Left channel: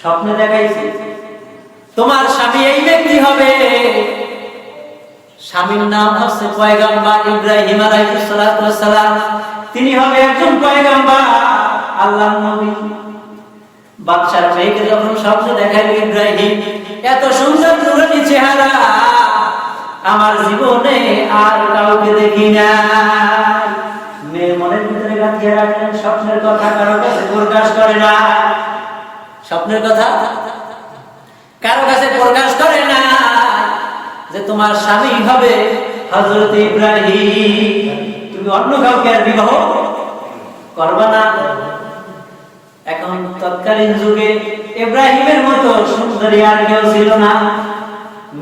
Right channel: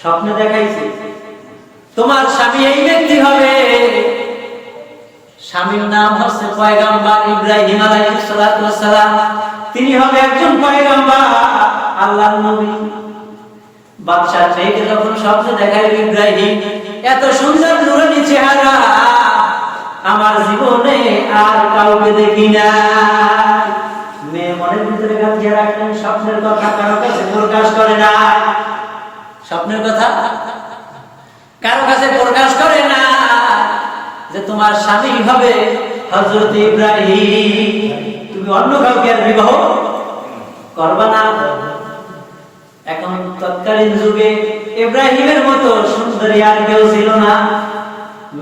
স্বপ্নে দেখাইছে তোমার স্বামী এই ব্যক্তি হবে। স্বামীর নাম হচ্ছে পয়গম্বর ইব্রাহিম আলাইহিস সালাতু ওয়াস সালাম। তিনি হবে একজন পয়গম্বর, আল্লাহর নবী। বাদশার মেয়েকে যখন স্বপ্নে দেখাইল ইব্রাহিম, এত সুন্দর নুরানি চেহারা আমার জীবনে আর কাউকে দেখি না। মেয়ে মনের ভিতরে গাঁথিয়ে রাখলেন, স্বপ্নের কথা কারো কাছে প্রকাশ করে না। স্বপ্নের কথা কারো কাছে প্রকাশ করে না যে তোমার স্বামী হবে হযরত ইব্রাহিম। তুমি অন্য কাউকে আর বিবাহ করবা না। এখন তৎকালীন যুগে ইব্রাহিমের মতো সুন্দরী আর কেউ ছিল না।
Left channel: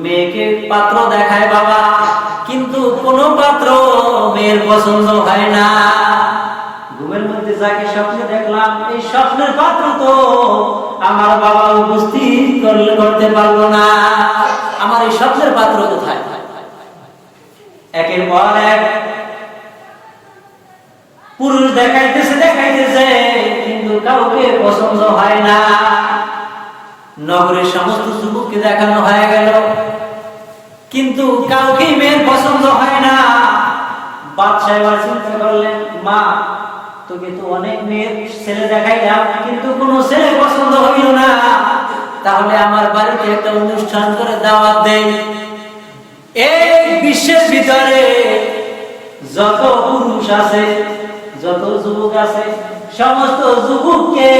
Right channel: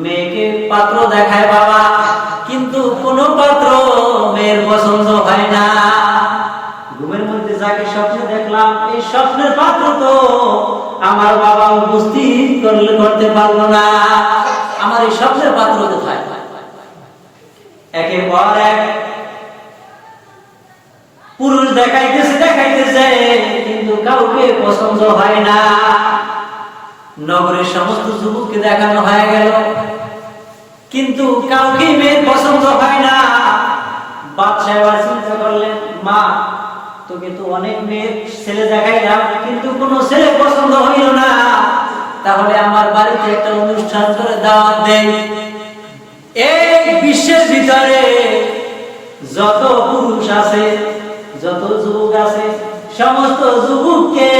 মেয়েকে পাত্র দেখায় বাবা, কিন্তু কোনো পাত্র মেয়ের পছন্দ হয় না। ঘুমের মধ্যে যাকে স্বপ্নে দেখলাম, এই স্বপ্নের পাত্র তো আমার বাবা উপস্থিত করতে পারলো না। আমার এই স্বপ্নের পাত্র কোথায়? একের পর এক পুরুষ দেখাইতেছে, কিন্তু কাউকে পছন্দ হয় না। নগরের সমস্ত যুবককে দেখানো হয়ে গেল, কিন্তু কাউকে মেয়ের পছন্দ হয় না। বাদশা এবার চিন্তা করলেন, মা তোকে তো অনেক মেয়ের ছেলে দেখাইলাম, কিন্তু কোনো ছেলে পছন্দ হইল না। তাহলে আমার বাড়িতে একটা অনুষ্ঠান করে দাওয়াত দেই। এই বিশ্বের ভিতরে যত পুরুষ আছে, যত যুবক আছে, সমস্ত যুবককে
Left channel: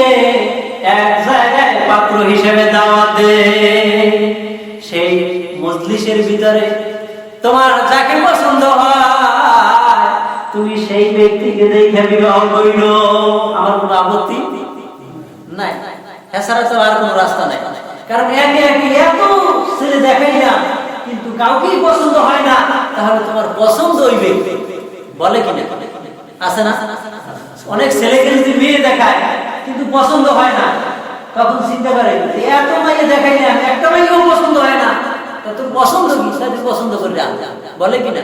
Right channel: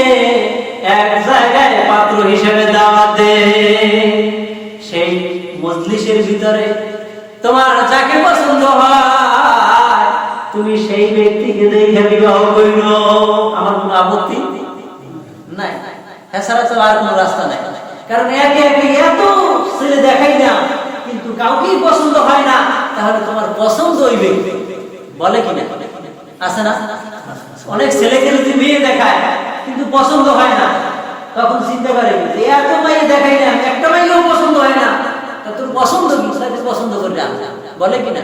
এক জায়গায় পাত্র হিসেবে দাওয়াত দে। সেই মজলিসের ভিতরে তোমার যাকে পছন্দ হয় তুমি সেই ব্যক্তিকে দেখে বিবাহ কইর। আমার কোনো আপত্তি নাই, এছাড়া তো আর কোনো রাস্তা নাই। কারণ একে একে এত ছেলে দেখাইলাম, কিন্তু কাউকেই পছন্দ হয় না। তাহলে তোমার পছন্দ ওই ব্যক্তি বলে কিনা? আছে না? অনেক ছেলেকে যদি মেয়ে দেখায় কিন্তু পছন্দ হয় না, তখন চিন্তা করে এত মেয়ে দেখাইলাম, একটা মেয়েও পছন্দ হয় না, তোর পছন্দ কি? পছন্দ করলে বলে কিনা?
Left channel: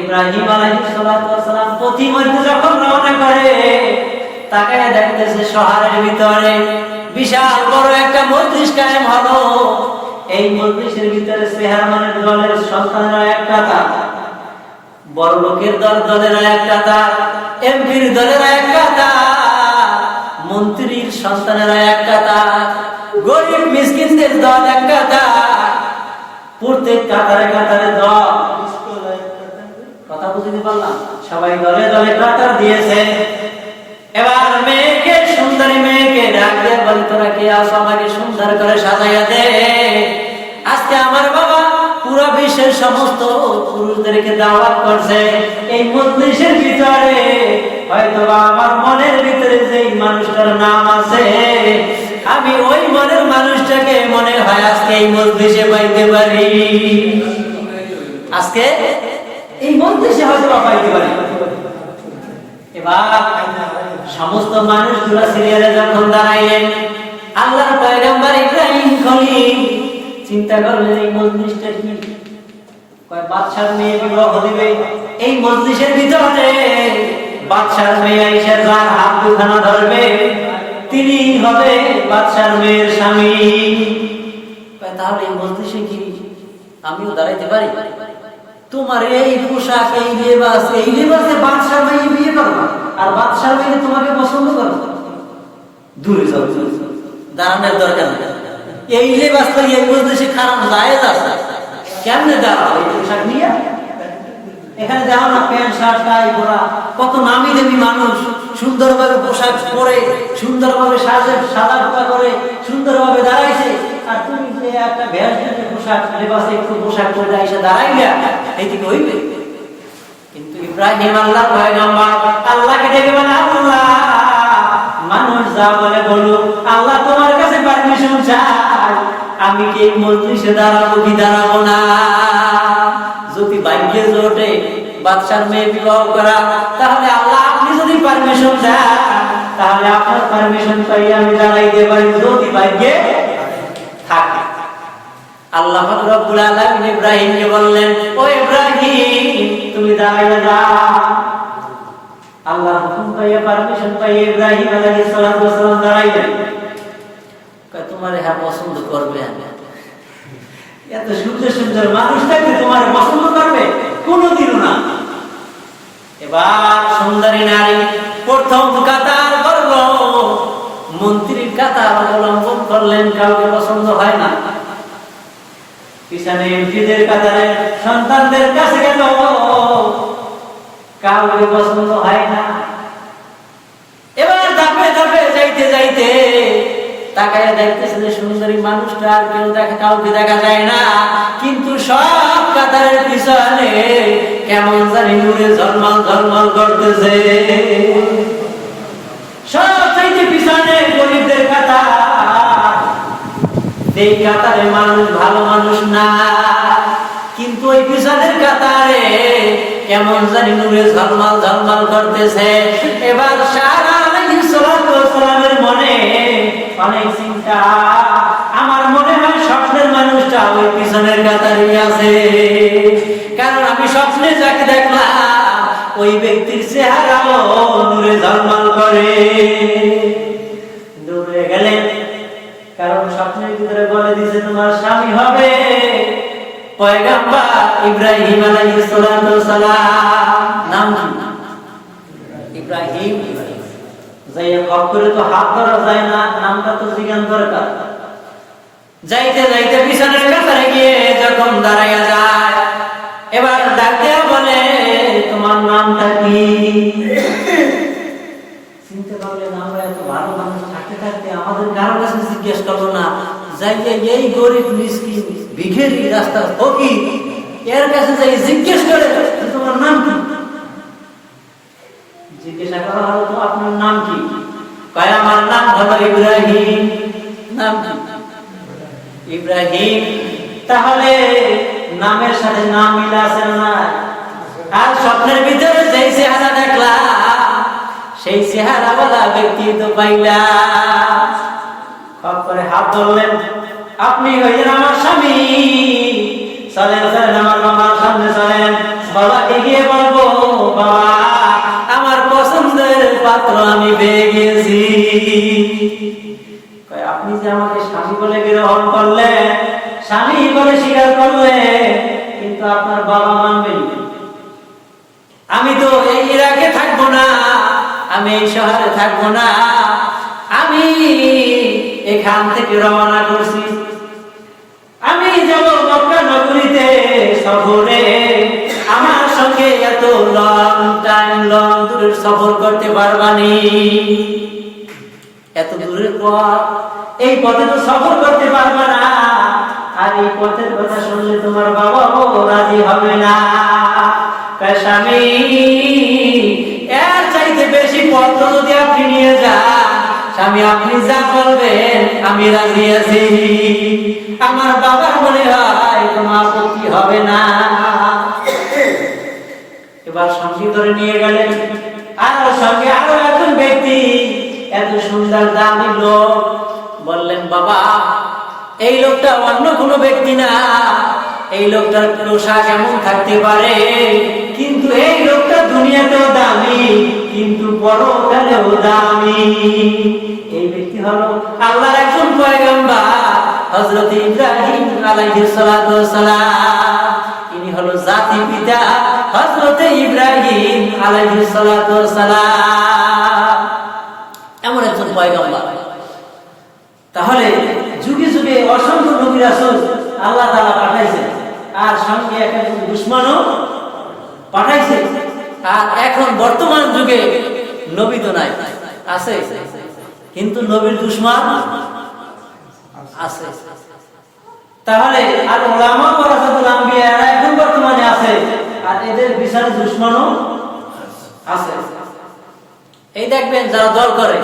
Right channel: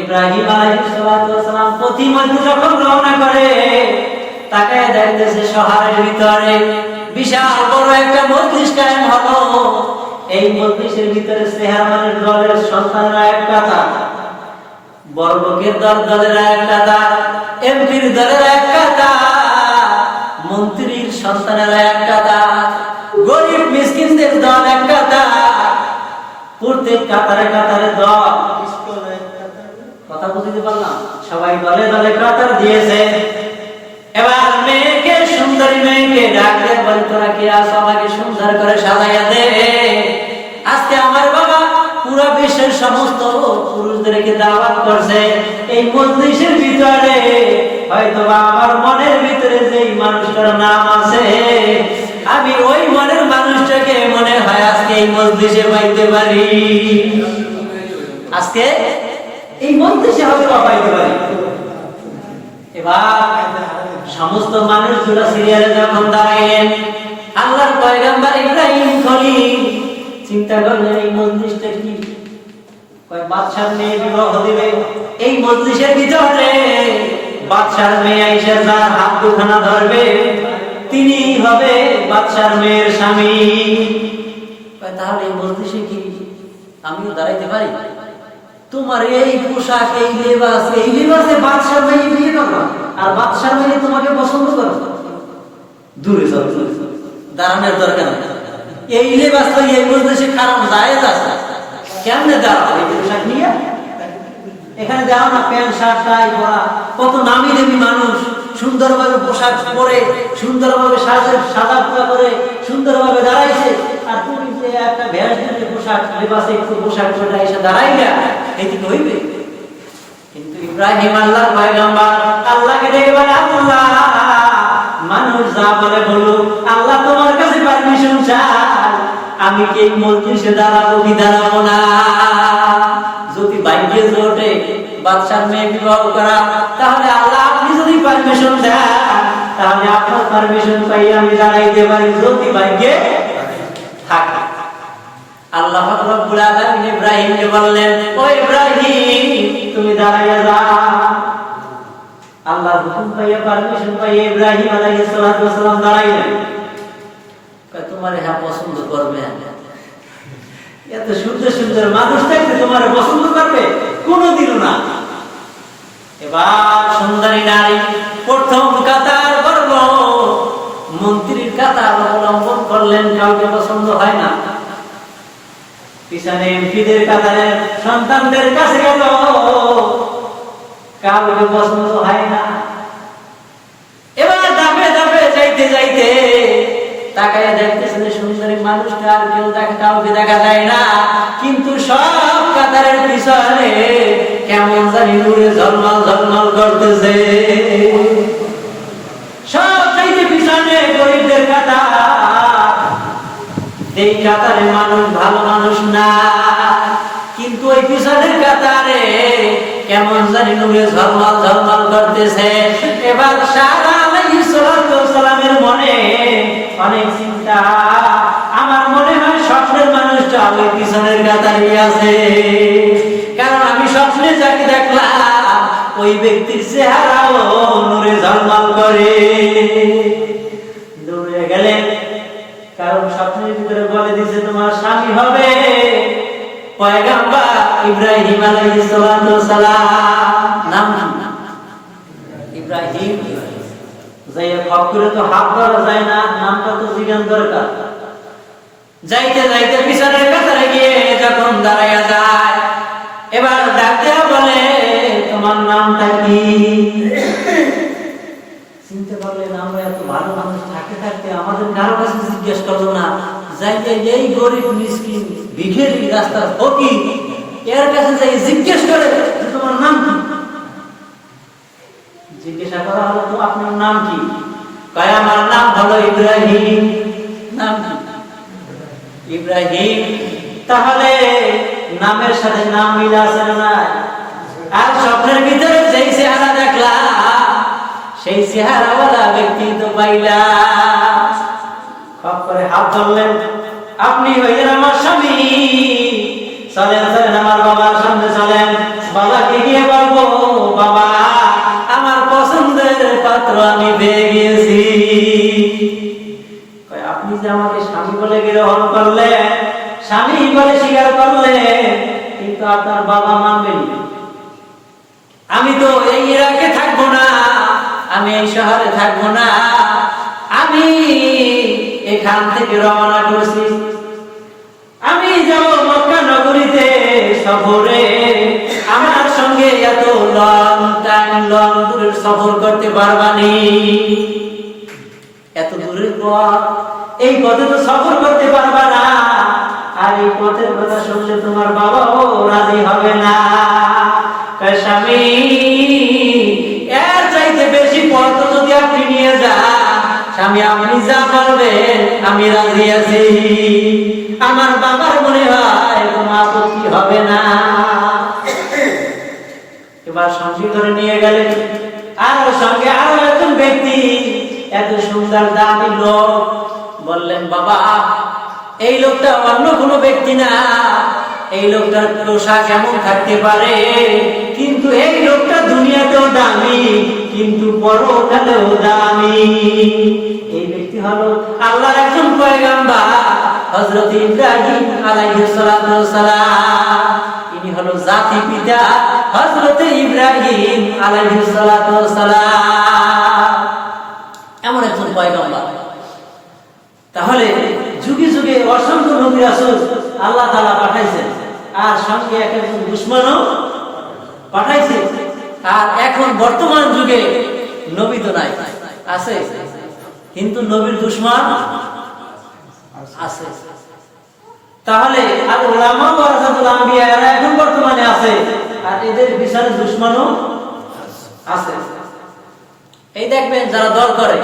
ইব্রাহিম আলাইহিস সালাতু ওয়াস সালাম প্রতিমধ্যে যখন রওনা করে, তাকায় দেখতেছে শহরের ভিতরে বিশাল বড় একটা মজলিস কায়েম হলো। এই মজলিসের ভিতরে চেয়ারম্যানের দলের সন্তানরা এক কাতার, বড় লোকের দলের এক কাতার, এমপির দলের এক কাতার, মন্ত্রীর সন্তানেরা এক কাতার, গরিব মিসকিনদের দল এক কাতার। প্রত্যেক কাতারে কাতারে দল। কথা বুঝতে পারলাম? সবাই দলে দলে কাতার দিয়েছে। এবার মেয়েকে, সুন্দরী মেয়েকে ডাক দিয়ে বলি, তোরা কি আসো, আমাকে সুন্দর করে সাজাইয়া দে। আজকে আমার বাবা পুরো বিশ্বের সমস্ত পুরুষদেরকে দাওয়াত করছে। এই মজলিসের ভিতরে হয়তো আমার মনের ভিতরে যেই মানুষটার নাম আছে, আমি ওই মনের মানুষটাকে মনে হয় আজকে এই মজলিসে পাইতে পারি। আজকে এই মজলিসে হয়তো পাইতে পারি। এবার সমস্ত মানুষগুলো সিরিয়ালে যখন দাঁড়াইলেন, আল্লাহর পয়গম্বর ইব্রাহিম খলিল চিন্তা করলেন, এই মজলিসটা কি? কয় বাদশার মেয়ে বিবাহ দিবে। এই মজলিসের ভিতরে বাদশার মেয়ে আয়েশা যার হাত দুখানা ধরবে, তিনি হবে বাদশার মেয়ের স্বামী। কয় তাহলে এই মজলিসে কি আমিও দাঁড়াইতে পারি? তোমার এই পোশাক, এই লেবাসে বাদশার মেয়ে বিয়ে করবা, আর বাদশার মেয়ে তোমাকে পছন্দ করবে? দূরে যাও, দাঁড়ানোর দরকার নেই। এই লেবাস তো এই মজলিসে খারাপ জায়েজ আছে, কেমনে দাঁড়াও এই পোশাক নিয়ে? এখানে দেখো না, প্যান্ট শার্ট টাই পরা কত নামি দামি মানুষ, সুন্দরভাবে পোশাক পরে, সুন্দরভাবে সাদা পোড়া করে সুন্দরভাবে দাঁড়াইছে। আর তুমি যে একটা ভ্যাস দিয়ে পোশাক, লেবাসে একটু পোশাক পরে এসে দাঁড়াইলা, এইদিকে হইবে? কিন্তু ইব্রাহিম আল্লাহর পয়গম্বর আল্লাহকে ডেকে বলে, আল্লাহ মানুষ যা বলে বলুক, আল্লাহ তোমার কাছে পারমিশন চাই, আমি কি এই মজলিসে দাঁড়াবো কি দাঁড়াবো না? যদি ভাগ্যে জোটে বাদশার মেয়ে বিবাহ করা, তাহলে আল্লাহ আপনি যদি পারমিশন দেন, তাহলে আপনার পারমিশন পাই আমি দাঁড়াইতে পারি, যদি ভাগ্যে থাকে। আল্লাহ পাক রব্বুল আলামিন ইব্রাহিমকে বললেন, ও ইব্রাহিম তুমি দাঁড়াইয়া যাও। আল্লাহর হুকুম পাইয়া পারমিশন পাইয়া ইব্রাহিম আলাইহিস সালাম দাঁড়াইলেন। কয় তোমারে হ্যাঁ পছন্দ করবে, এত সুন্দর সুন্দর মানুষটাকে তোমার পছন্দ করবে? কোনোদিনও না। এবার সুন্দরী নারী প্রথম কাতার বর্গ মন্ত্রীর কাতার অবলম্বন করলেন, কাউকে পছন্দ হয় না। পিছনে এমপিদের কাতারে সন্তানদের কাছে গেল, কাউকে পছন্দ হয় না। এবার ধাপে ধাপে যাইতে যাইতে তাকায় দেখতেছে যে সুন্দরী মানুষটা আর কেউ কাউকে দেখা যায় না, কিন্তু সব কাতারের পিছনে কেমন জানি নূরে ঝলমল ঝলমল করতেছে। সব চাইতে পিছনে গরিবদের কাতার, এই কাতারে মানুষ ভালো মানুষ না, কিন্তু ওই পিছনের কাতারে কেমন জানি নূরে ঝলমল ঝলমল করতেছে। এবার সারা আলাইহিস সালামের মনে অনেক চিন্তা, আমার মনে হয় স্বপ্নের মানুষটা ওই পিছনের কাতারে আছে, কারণ আমি স্বপ্নে যাকে দেখলাম ওই ব্যক্তির চেহারাও নূরে ঝলমল করে। দৌড়ে গেলেন, কারণ স্বপ্নের ভিতরে বলে দিছে তোমার স্বামী হবে পয়গম্বর ইব্রাহিম আলাইহিস সালাম। নাম ইব্রাহিম। যাইয়া খপ করে তো হাত ধরা যায় না, নামটা তো জিজ্ঞান দরকার। যাইতে যাইতে পিছনের কাতারে গিয়ে যখন দাঁড়াইয়া যায়, এবার ডাক দেয়া বলে তোমার নামটা কি? চিনতে পারলেন আমরা এত ভালো মানুষ থাকতে থাকতে আমাদের কারো কাছে জিজ্ঞেস করলো না, যাইয়া এই গরিব মিসকিন ভিখারি রাস্তার ফকির এর কাছে যাই জিজ্ঞেস করে তোমার নাম কি? জিজ্ঞাসা করা হলো তো আপনার নাম কি? কয় আমার নাম হলো ইব্রাহিম। নাম কি? ইব্রাহিম। তাহলে নামের সাথে নাম মিল আছে না? আর স্বপ্নের ভিতরে যেই চেহারা দেখলাম সেই চেহারাওয়ালা ব্যক্তি তো পাইলাম। খপ করে হাত ধরলেন, আপনি হইলেন আমার স্বামী, চলেন চলেন আমার বাবার সামনে চলেন, বাবাকে গিয়ে বলবো বাবা আমার পছন্দের পাত্র আমি পেয়ে গিয়েছি। আপনি যে আমাকে স্বামী বলে গ্রহণ করলেন, স্বামী বলে স্বীকার করলেন, কিন্তু আপনার বাবা মানবেন। আমি তো এই ইরাকে থাকবো না, আমি এই শহরে থাকবো না, আমি এখান থেকে রওনা করছি, আমি যাব মক্কা নগরীতে সফরে। আমার সঙ্গে এত লং দূরের সফর করতে পারবানি, এত দূরের পথ, এই পথে তো সফর করতে পারবা না, আর এই পথের কথা শুনলে তোমার বাবাও রাজি হবে না। স্বামী এর চাইতে বেশি পথ যদি আপনি নিয়ে যান, স্বামী আপনি যা বলবেন আমি রাজি আছি, আমার বাবার মনে হয় কোনো আপত্তি হবে না। এবার সঙ্গী করে নিয়ে গেলেন, আর সঙ্গে আরো একজন ব্যক্তি, এত সুন্দর দামি লোক। বললেন বাবা এই লোকটা অন্য কোনো ব্যক্তি না, এই লোকটার পোশাক এমন থাকতে পারে, কিন্তু এই লোকটা দুনিয়াতেও দামি, কিন্তু পরকালেও দামি। এই ব্যক্তি হলো আল্লাহর একজন পয়গম্বর হযরত ইব্রাহিম আলাইহিস সালাম। ইনি হলো জাতি পিতা হযরত ইব্রাহিম আলাইহিস সালাম, এমন একজন পয়গম্বর। তাহলে যুগে যুগে অসংখ্য নবী রাসূল আল্লাহ তাআলা পাঠাইছেন, আর সঙ্গে একজন দুশমনও পাঠাইছে। আর এখন বর্তমান যুগে নবী তো নাই, আছে, কিন্তু নবীর দুশমন আছে। তাহলে আর উলামা ওয়ারাসাতুল আম্বিয়া এরা এখন বর্তমানে আছে, আর এদের বিচারে দুশমনও আছে। এই দেখবেন যারা দল করে,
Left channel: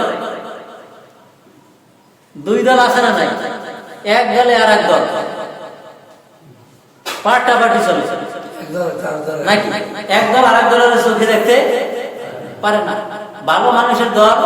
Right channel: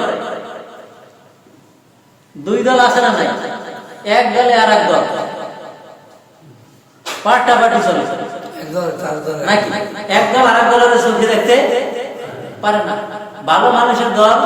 দুই দল আছে না নাই, এক দলে আর এক দল পাল্টাপাল্টি চলে নাকি, এক দল আর এক দলের চোখে দেখতে পারে না। ভালো মানুষের দল